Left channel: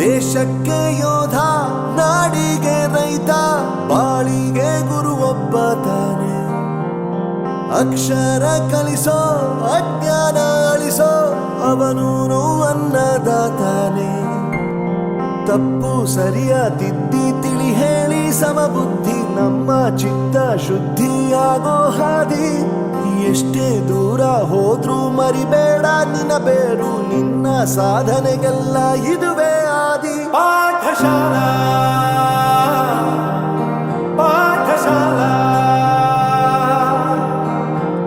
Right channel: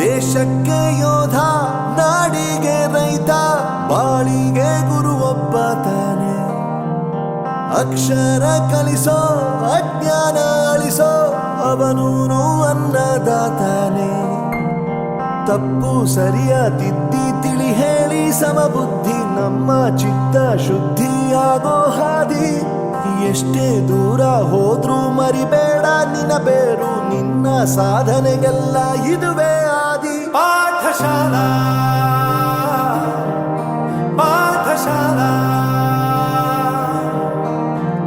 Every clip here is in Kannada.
ದೇಶಕ್ಕೆ ಯೋಧ, ನಾಡಿಗೆ ರೈತ, ಬಾಳಿಗೆ ಗುರು ಒಬ್ಬ ತಾನೆ. ಅಕ್ಷರ ಕಲಿಸೋ, ಅಜ್ಞಾನ ಅಳಿಸೋ, ಅವನೂನು ಅನ್ನದಾತಾನೆ. ತಪ್ಪು ಸರಿಯ ತಿದ್ದಿ ತಿಳಿ ಹೇಳಿ ಸಮಬುದ್ಧಿ, ನಮ್ಮ ಚಿತ್ತ ಶುದ್ಧಿಯಾಗೋ ಹಾದಿ. ಎಷ್ಟೇ ದೂರ ಹೋದ್ರೂ ಮರಿಬೇಡ ನಿನ್ನ ಬೇರು, ನಿನ್ನ ಸಾಧನೆಗೆಲ್ಲ ಇದುವೇ ಆದಿ. ಪಾಠಶಾಲಾ ಪಾಠಶಾಲಾ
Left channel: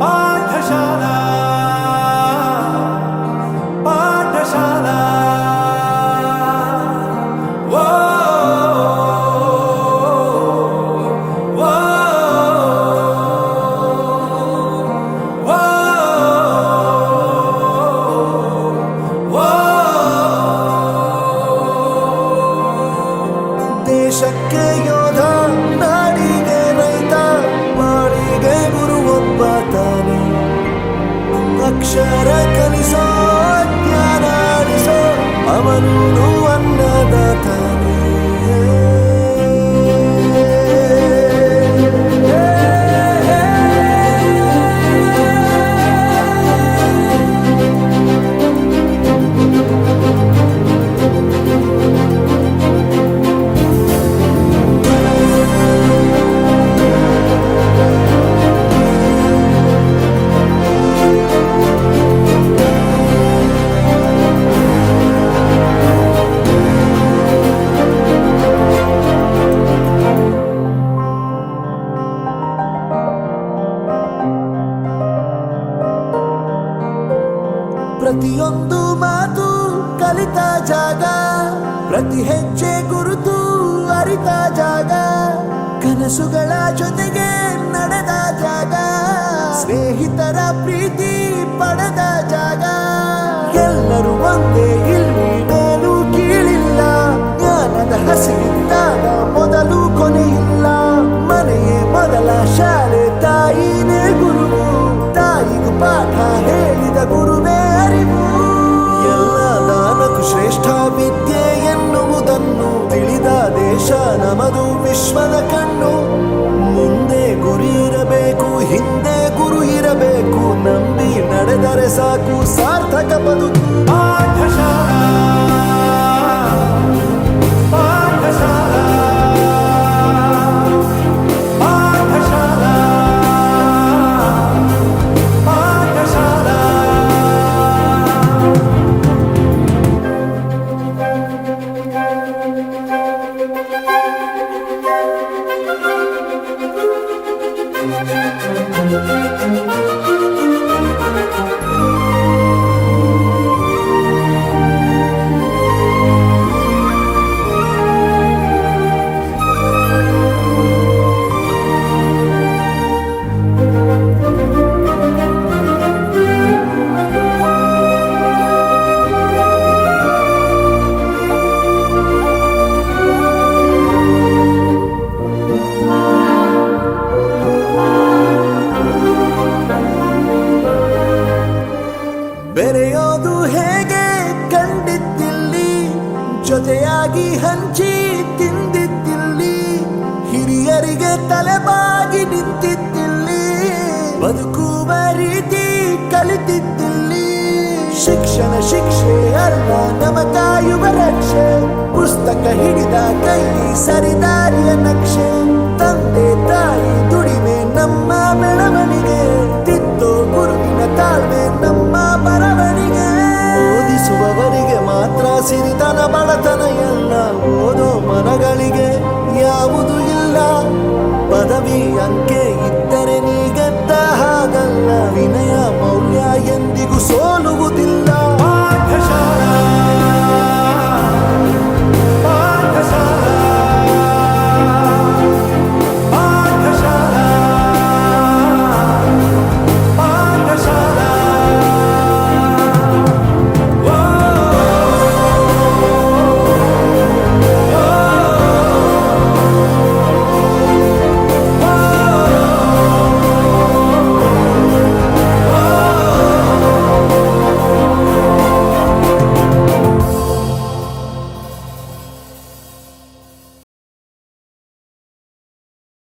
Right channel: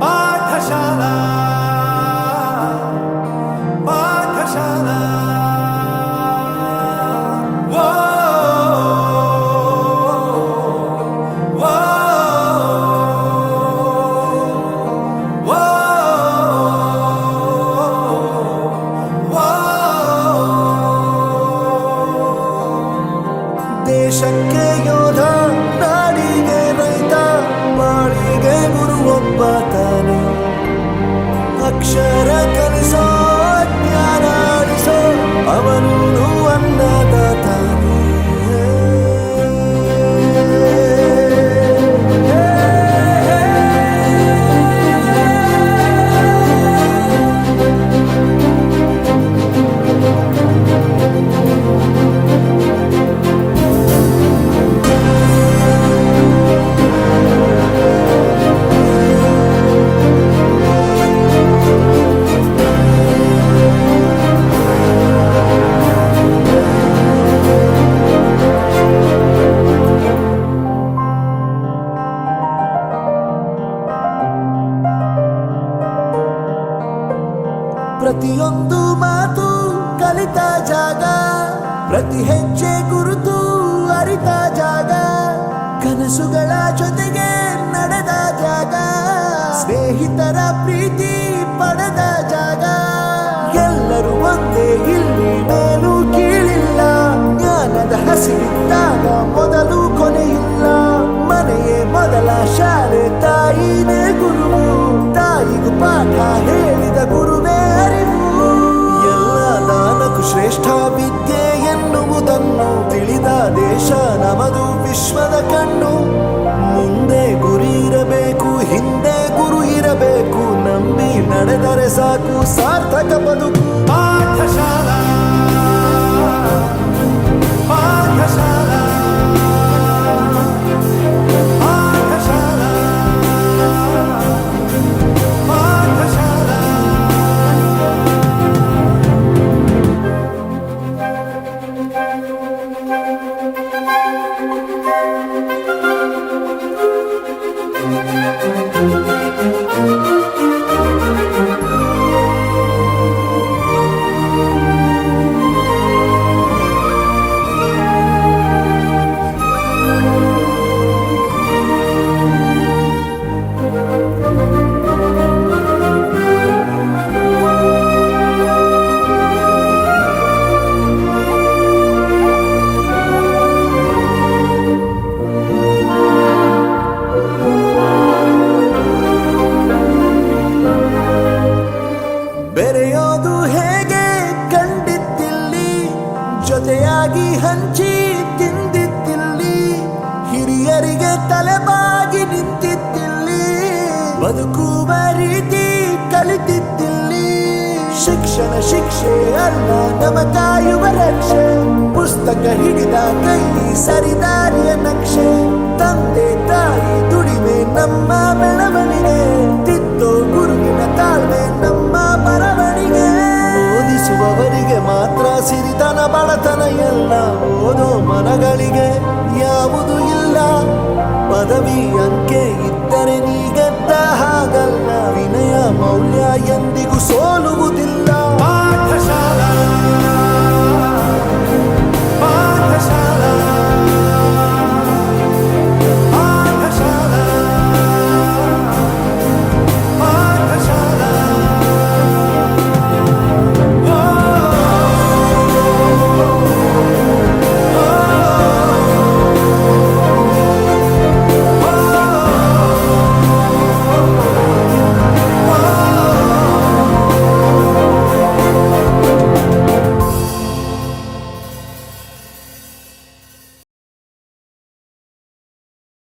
ಪಾಠಶಾಲಾ ಪಾಠಶಾಲಾ. ದೇಶಕ್ಕೆ ಯೋಧ, ನಾಡಿಗೆ ರೈತ, ಬಾಳಿಗೆ ಗುರು ಒಬ್ಬ ತಾನೆ. ಅಕ್ಷರ ಕಲಿಸೋ, ಜ್ಞಾನ ಅಳಿಸೋ, ಅವನೂನು ಅನ್ನದಾತಾನೆ. ಪ್ರತಿಯೊಂದು ಮಾತು ಕಲಿತ ಜಾಗ, ಪ್ರತಿ ಹೆಜ್ಜೆ ಗುರುತು ಅರಿತ ಜಾಗ, ಕನಸುಗಳ ಜೊತೆಗೆ ನಡೆದ ಜಾಗ, ಸ್ನೇಹಿತರ ಪ್ರೀತಿ ಪಡೆದ ಜಾಗ. ಎಲ್ಲರೂ ಒಂದೇ, ಇಲ್ಲಿ ಮೇಲೂ ಕೀಳಿಲ್ಲ, ಜ್ಞಾನದ ಹಸಿವಿದ್ದಾಗ ಮೊದಲು ಕೊನೆಯಿಲ್ಲ. ಮನೆಯೇ ಮೊದಲ ಶಾಲೆ, ತಾಯಿನೇ ಗುರುವು, ತಾಯಿಗೂ ಪಾಠ ಹೇಳಿದ ಗುರುವೇ ಅರಿವು. ಎಲ್ಲ ದಾನಕ್ಕೂ ಶ್ರೇಷ್ಠ ವಿದ್ಯೆ ಎನ್ನುವುದನ್ನು ತಿಳಿದ ದೇಶ ನಮದು, ವಿಶ್ವದ ಕಣ್ಣು. ಮುಂದೆ ಗುರಿ ಇರಬೇಕು, ಹಿಂದೆ ಗುರು ಇರಬೇಕು, ನಂಬಿ ನಡೆದರೆ ಸಾಕು ಸಾರ್ಥಕ ಬದುಕು. ಪಾಠಶಾಲಾ ಬೆರೆಯೋದು ಹೇಗೆ ಕಂಡಿದ್ದಿಲ್ಲಿ, ಜೊತೆಯಾಗಿ ಹಂಚಿ ತಿಂದಿದ್ದಿಲ್ಲಿ, ಹಿರಿಯರಿಗೆ ತಲೆಬಾಗಿ ನಿಂತಿದ್ದಿಲ್ಲಿ, ಬದುಕುವ ರೀತಿ ಕಲಿತಿದ್ದಿಲ್ಲಿ. ಶಿಕ್ಷಣ ಶಿಕ್ಷೆ ಅಲ್ಲ, ನಮ ಕಾಯುವ ರಕ್ಷೆ, ಪುಸ್ತಕ ಹಿಡಿದ ಕೈ ಸರಿದಾರಿಯ ನಕ್ಷೆ. ತಂದೆ ತಾಯಿ ದುಡಿಮೆ ನಮ್ಮ ಬೆಳವಣಿಗೆ, ತಿದ್ದೋ ಗುರುವಿನ ತಾಳ್ಮೆ ನಮ್ಮ ಬರವಣಿಗೆ. ಓದಿಸುವವರಿಗೆ ಮಾತ್ರ ಸಿರಿತನ ಬಡತನ ಎಲ್ಲ, ಓದೋ ಮನಗಳಿಗೆ ಯಾವುದು ಇಲ್ಲ. ಪದವಿ ಅಂಕೆ ಇದ್ದರೆ ನೀ ಗೆದ್ದ ಹಾಗಲ್ಲ, ವಿನಯ ಮೌಲ್ಯ ಎಂದಿಗೂ ಸೋಲುವುದಿಲ್ಲ.